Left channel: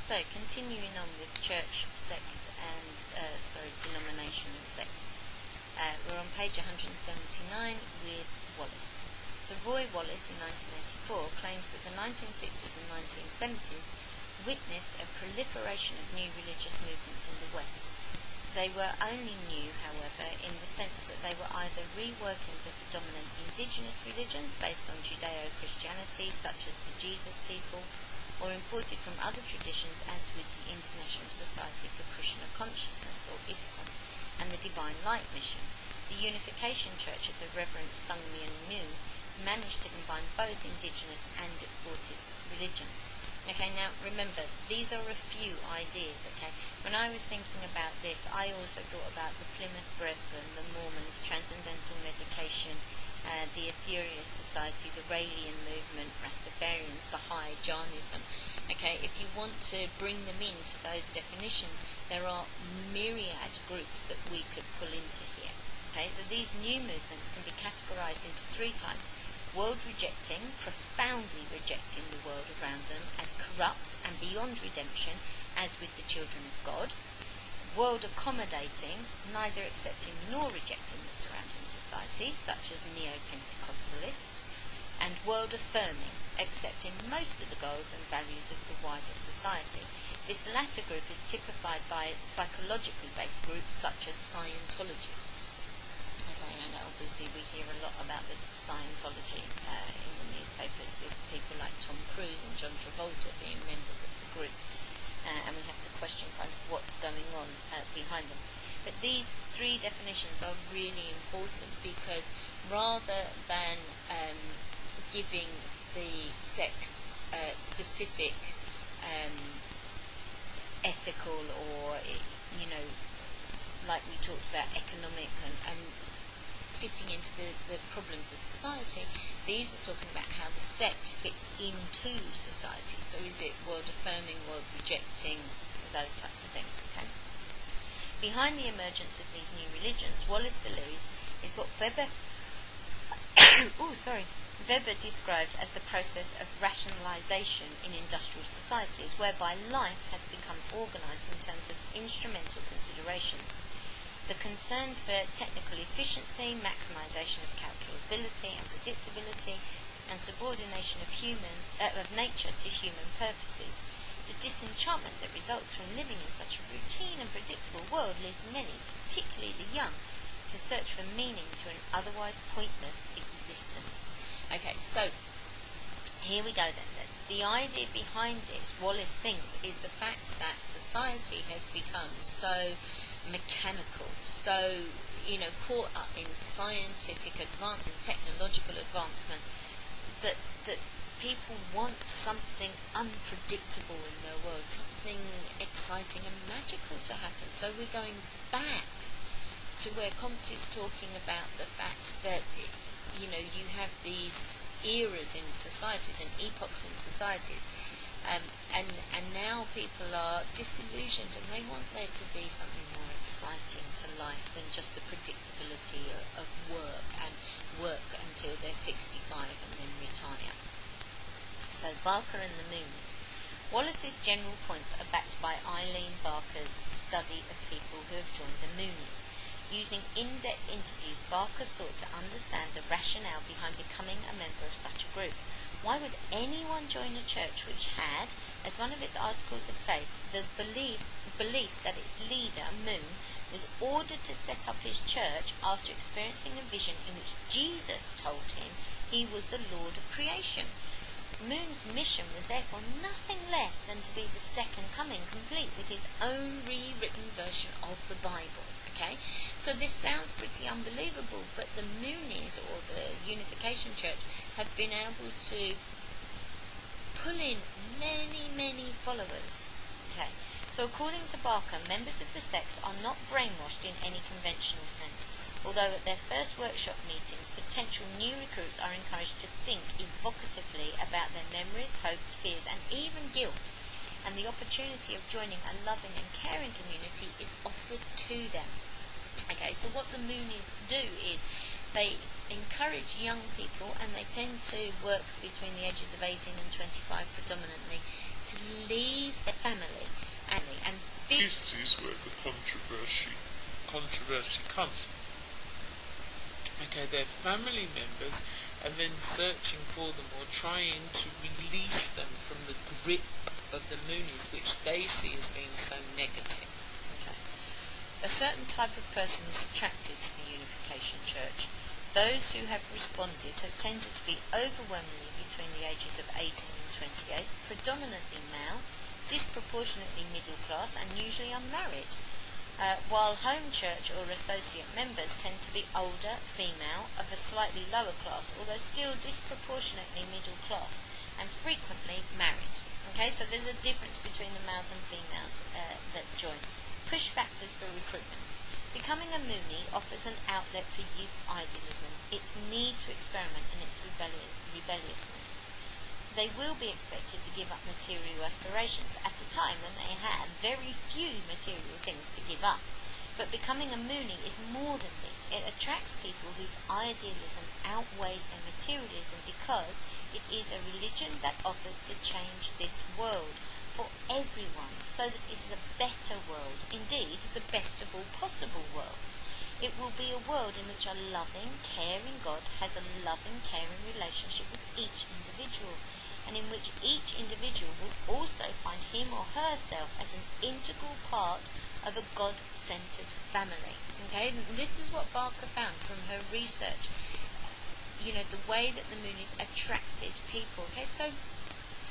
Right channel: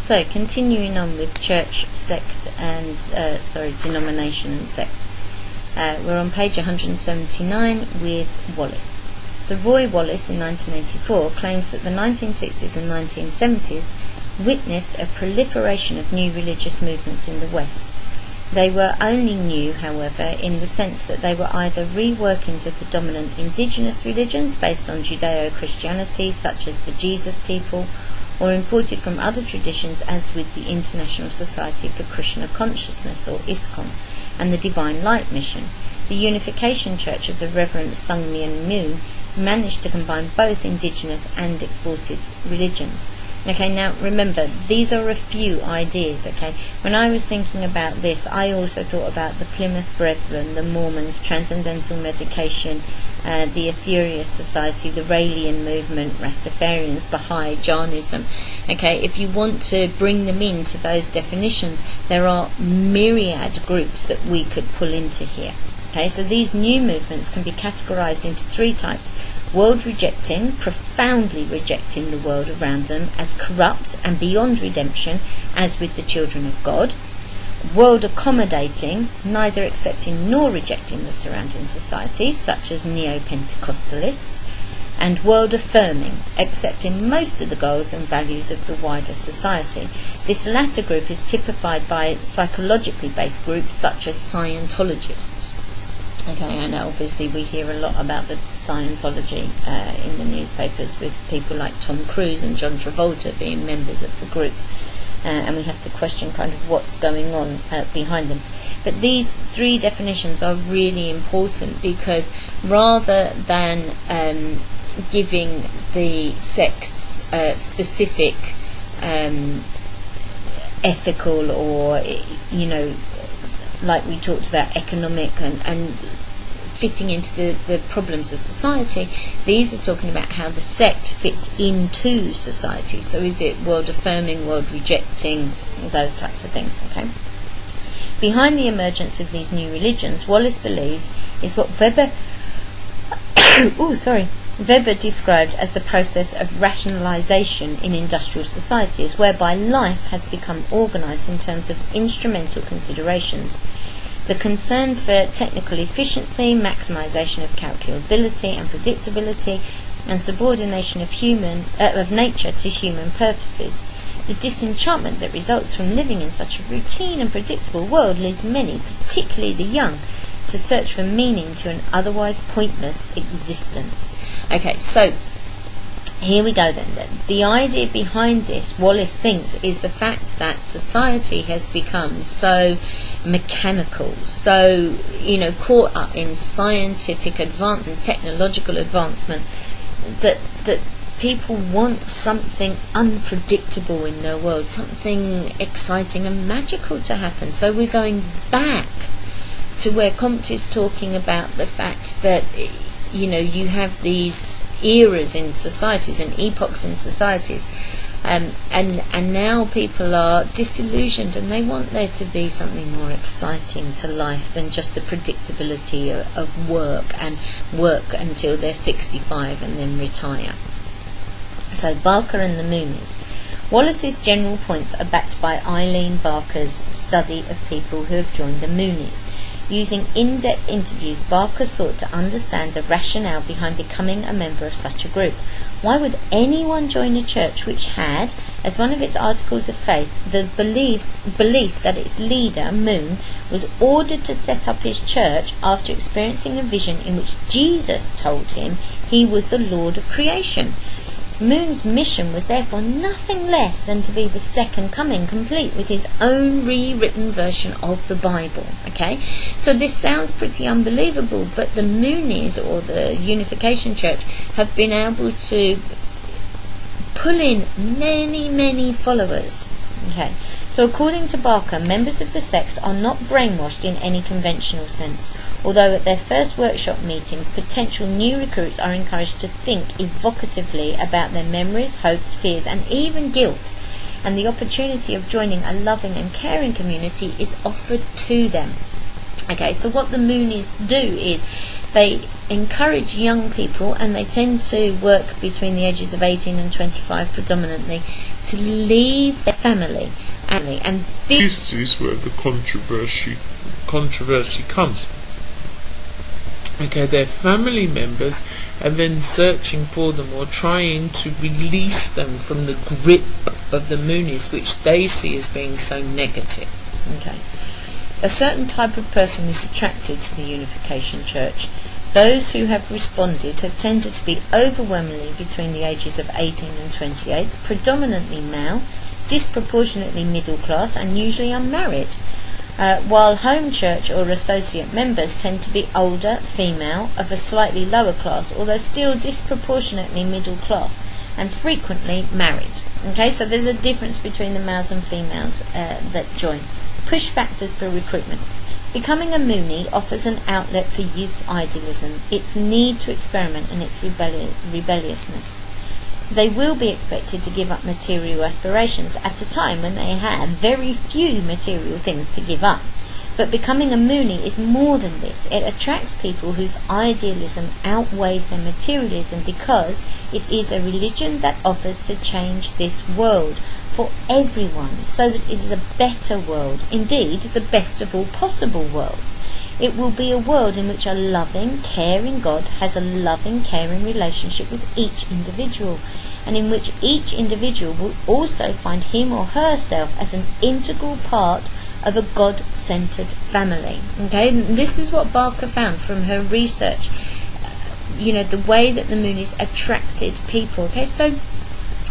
So, continuing on with church, sect, and denomination and sect. We're on page 179 with Wallace. So Roy Wallace in 1984 claims that the 1960s and 1970s witnessed a proliferation of new religious movements in the West. They were only new, however, in the sense that they were either reworkings of the dominant indigenous religions based on Judeo-Christianity, such as the Jesus people, or imported from other traditions, as with the International Society for Krishna Consciousness, or ISKCON, and the Divine Light Mission. The Unification Church of the Reverend Sung Myung Moon managed to combine both indigenous and exported religions. Okay, now remember, these are a few ideas, okay? When I was thinking about this, I also thought about the Plymouth Brethren, the Mormons, Transcendental Medication, the Aetherius Society, the Raelian Movement, Rastafarians, Baha'i, Jainism. Okay, if you want to bring them into those definitions, there are myriad groups that we could pull into here. Okay, so these new movements can be categorized into three types: world rejecting, profoundly rejecting the world around them as corrupt and beyond redemption, as with the children of God; world accommodating, neither accepting nor rejecting the surrounding society, such as neo-Pentecostalists; and world affirming, accepting most of the goals and values of the wider society. This latter group is typified by psychologically based groups such as Scientologists. Okay, and obviously we hear a lot about the Scientology in the newspapers, with people like Tom Cruise and John Travolta being members of the group, and we have to question kind of what's going on behind them. But these three definitions are really important, because rather than giving the sects specific ethical, or like we talked about, economic and fitting into the problems of society, these are talking about how the sect fits into society. So is it world affirming, world rejecting, those types of things, okay? Behind the emergence of these new religions, Wallace believes, is what Weber described as the process of rationalization in industrial societies, whereby life has become organized in terms of instrumental considerations. The concern for technical efficiency, maximization of calculability and predictability, and subordination of nature to human purposes. The disenchantment that results from living in such a routine and predictable world leads many, particularly the young, to search for meaning to an otherwise pointless existence. Okay, so here we go then. The idea behind this, Wallace thinks, is the fact that society has become so mechanical, so caught up in scientific advance and technological advancement, that people want something unpredictable in their world, something exciting and magical to happen. So we're going back to where Comte is talking about the fact that you have these eras in societies and epochs in societies, and now people are disillusioned, and they want there to be something more exciting to life than just the predictability of work until they're 65 and then retire. So Barker and the Moonies. Wallace's general points are backed by Eileen Barker's study of people who have joined the Moonies. Using in-depth interviews, Barker sought to understand the rationale behind becoming a member of such a group. Why would anyone join a church which had, as one of its articles of faith, the belief that its leader, Moon, was ordered to set up his church after experiencing a vision in which Jesus told him he was the Lord of creation? Moon's mission was therefore nothing less than to be the second coming, complete with his own rewritten version of the Bible. Okay, so this sounds pretty unbelievable, but the Moonies, or the Unification Church, have been able to pull in many followers. Okay, so according to Barker, members of the sect are not brainwashed in any conventional sense, although at their first workshop meetings, potential new recruits are encouraged to think evocatively about their memories, hopes, fears, and even guilt, and the opportunity of joining a loving and caring community is offered to them. Okay, so what the Moonies do is they encourage young people, and they tend to work between the ages of 18 and 25 predominantly, to leave their family. And this is where the controversy comes. Okay, their family members are then searching for them or trying to release them from the grip of the Moonies, which they see as being so negative. Okay, a certain type of person is attracted to the Unification Church. Those who have responded have tended to be overwhelmingly between the ages of 18 and 28, predominantly male, disproportionately middle class, and usually unmarried, while home church or associate members tend to be older, female, of a slightly lower class, although still disproportionately middle class, and frequently married. Okay, so there's a difference between the males and females that join. Push factors for recruitment. Becoming a Moonie offers an outlet for youth's idealism, its need to experiment, and its rebelliousness. They will be expected to give up material aspirations at a time when they have very few material things to give up. But becoming a Moonie is more than this. It attracts people whose idealism outweighs their materialism, because it is a religion that offers to change this world for everyone, so that it is a better world, indeed the best of all possible worlds. It will be a world in which a loving, caring God has a loving, caring relationship with each individual, and in which each individual will also find him or herself as an integral part of a God-centered family. Okay, and this is what Barker found from her research. The way that the Moonies attracted people. Okay, so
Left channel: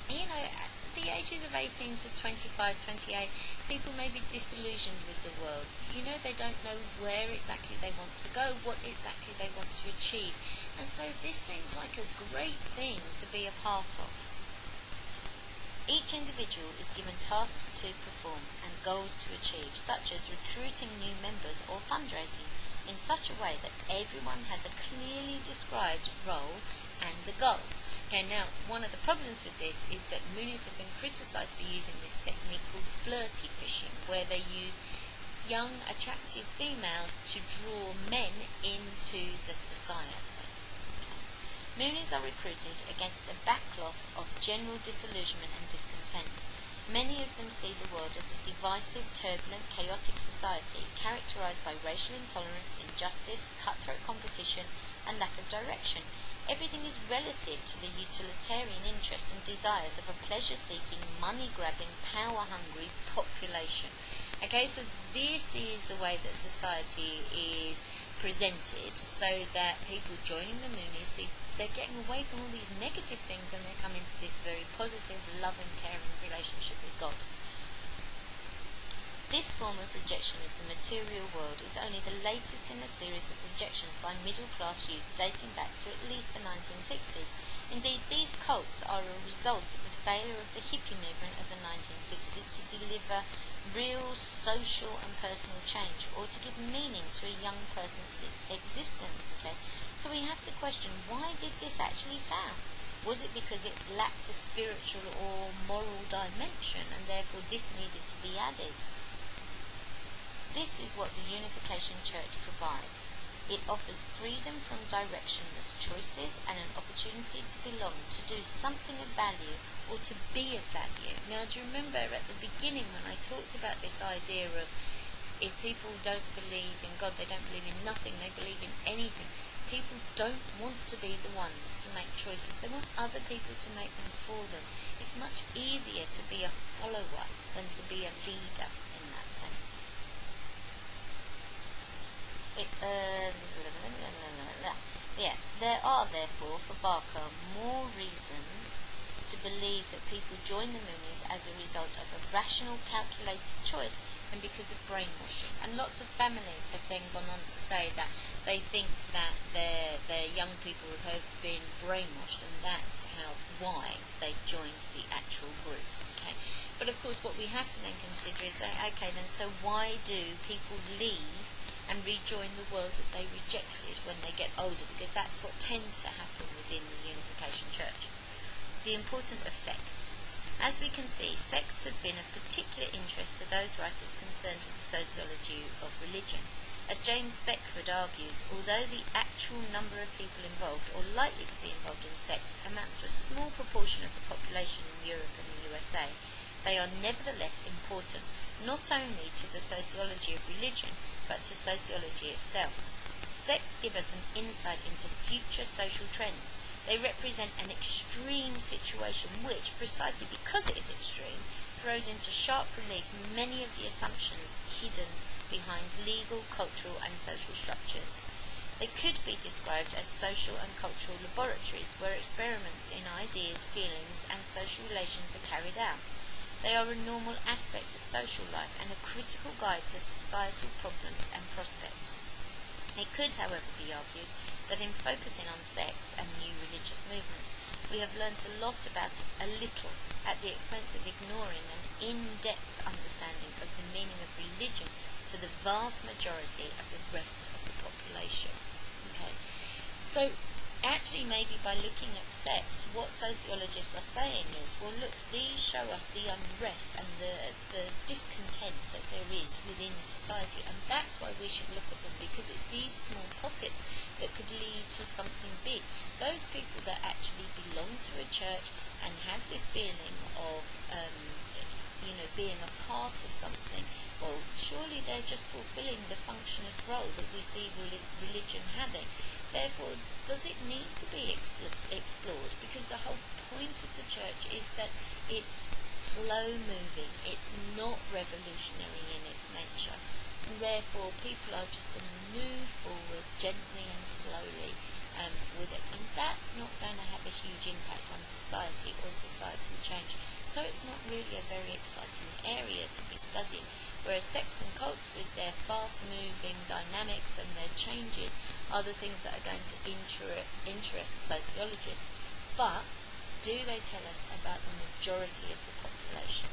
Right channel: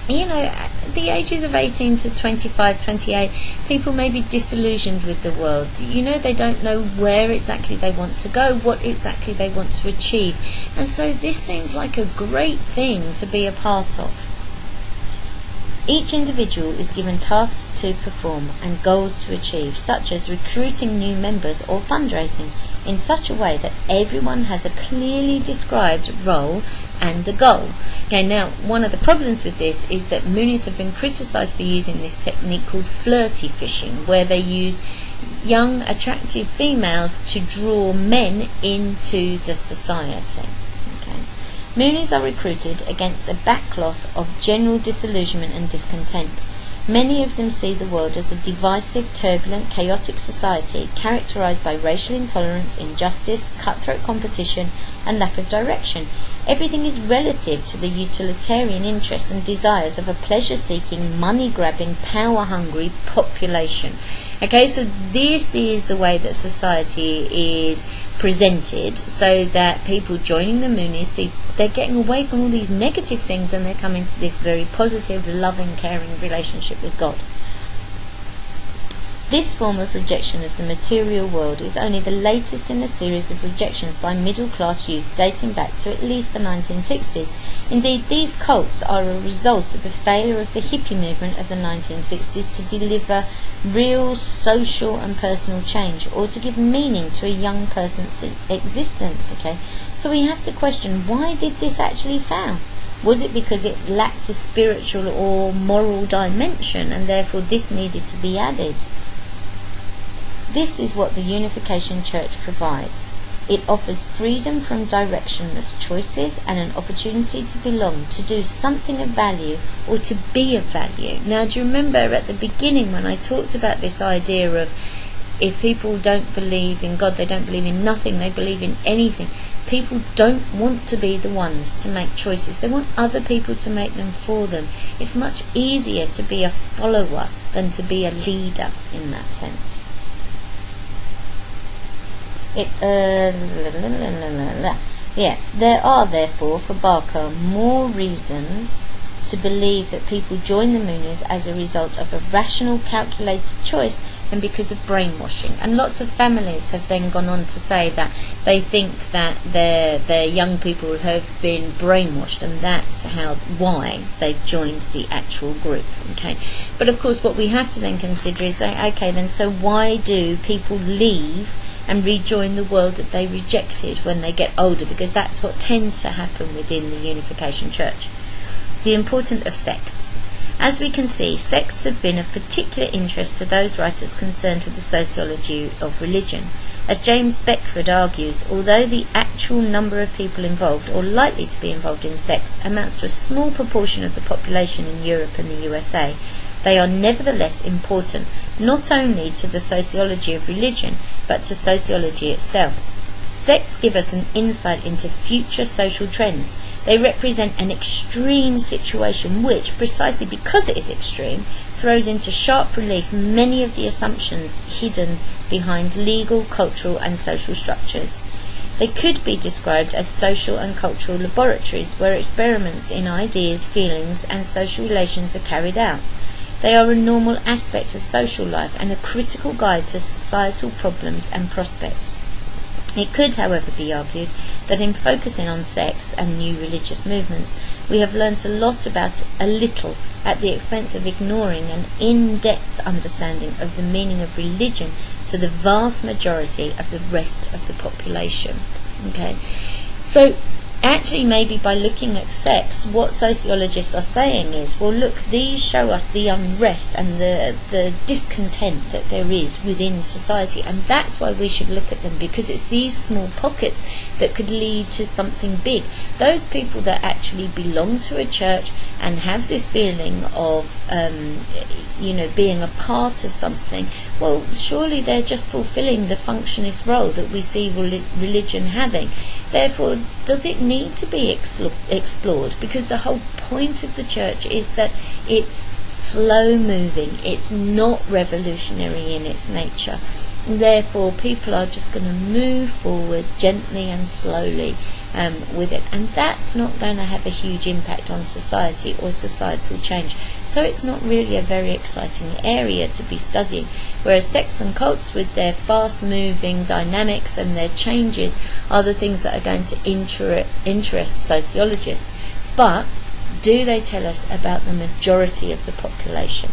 at the ages of 18 to 25, 28, people may be disillusioned with the world. They don't know where exactly they want to go, what exactly they want to achieve. And so this seems like a great thing to be a part of. Each individual is given tasks to perform and goals to achieve, such as recruiting new members or fundraising, in such a way that everyone has a clearly described role and a goal. Okay, now one of the problems with this is that Moonies have been criticised for using this technique called flirty fishing, where they use young, attractive females to draw men into the society. Okay. Moonies are recruited against a backcloth of general disillusionment and discontent. Many of them see the world as a divisive, turbulent, chaotic society characterised by racial intolerance, injustice, cutthroat competition, and lack of direction. Everything is relative to the utilitarian interests and desires of a pleasure-seeking, money-grabbing, power-hungry population. Okay, so this is the way that society is presented, so that people joining the Moonies see they're getting away from all these negative things and they're coming to this very positive, loving, caring relationship with God. This form of rejection of the material world is only the latest in a series of rejections by middle-class youth dating back to at least the 1960s. Indeed, these cults are a result of the failure of the hippie movement of the 1960s to deliver real social and personal change, or to give meaning to a young person's existence. Okay, so we have to question, why did this actually fail? Was it because it lacked a spiritual or moral dimension, and therefore this needed to be added? This is what the Unification Church provides. It offers freedom from directionless choices and an opportunity to belong, to do something of value, or to be of value. Now, do you remember at the beginning when I talked about this idea of if people don't believe in God, they don't believe in nothing, they believe in anything. People don't want to be the ones to make choices. They want other people to make them for them. It's much easier to be a follower than to be a leader in that sense. Yes, there are therefore for Barker more reasons to believe that people join the Moonies as a result of a rational, calculated choice than because of brainwashing. And lots of families have then gone on to say that they think that their young people have been brainwashed, and that's why they've joined the actual group. Okay, but of course what we have to then consider is okay, then so why do people leave and rejoin the world that they rejected when they get older? Because that's what tends to happen within the Unification Church. The importance of sects. As we can see, sects have been of particular interest to those writers concerned with the sociology of religion. As James Beckford argues, although the actual number of people involved or likely to be involved in sects amounts to a small proportion of the population in Europe and the USA, they are nevertheless important not only to the sociology of religion, but to sociology itself. Sects give us an insight into future social trends. They represent an extreme situation which, precisely because it is extreme, throws into sharp relief many of the assumptions hidden behind legal, cultural and social structures. They could be described as social and cultural laboratories where experiments in ideas, feelings and social relations are carried out. They are a normal aspect of social life and a critical guide to societal problems and prospects. It could, however, be argued that in focusing on sects and new religious movements, we have learnt a little at the expense of ignoring an in-depth understanding of the meaning of religion to the vast majority of the rest of the population. Okay, so actually maybe by looking at sects, what sociologists are saying is, well look, these show us the unrest and the discontent that there is within society, and that's why we should look at them, because it's these small pockets that could lead to something big. Those people that actually belong to a church and have this feeling of being a part of something, well surely they're just fulfilling the functionist role that we see religion having. Therefore, does it need to be explored? Because the whole point of the church is that it's slow moving, it's not revolutionary in its nature. Therefore, people are just going to move forward gently and slowly with it, and that's not going to have a huge impact on society or societal change. So it's not really a very exciting area to be studying, whereas sects and cults with their fast moving dynamics and their changes are the things that are going to interest sociologists. But do they tell us about the majority of the population?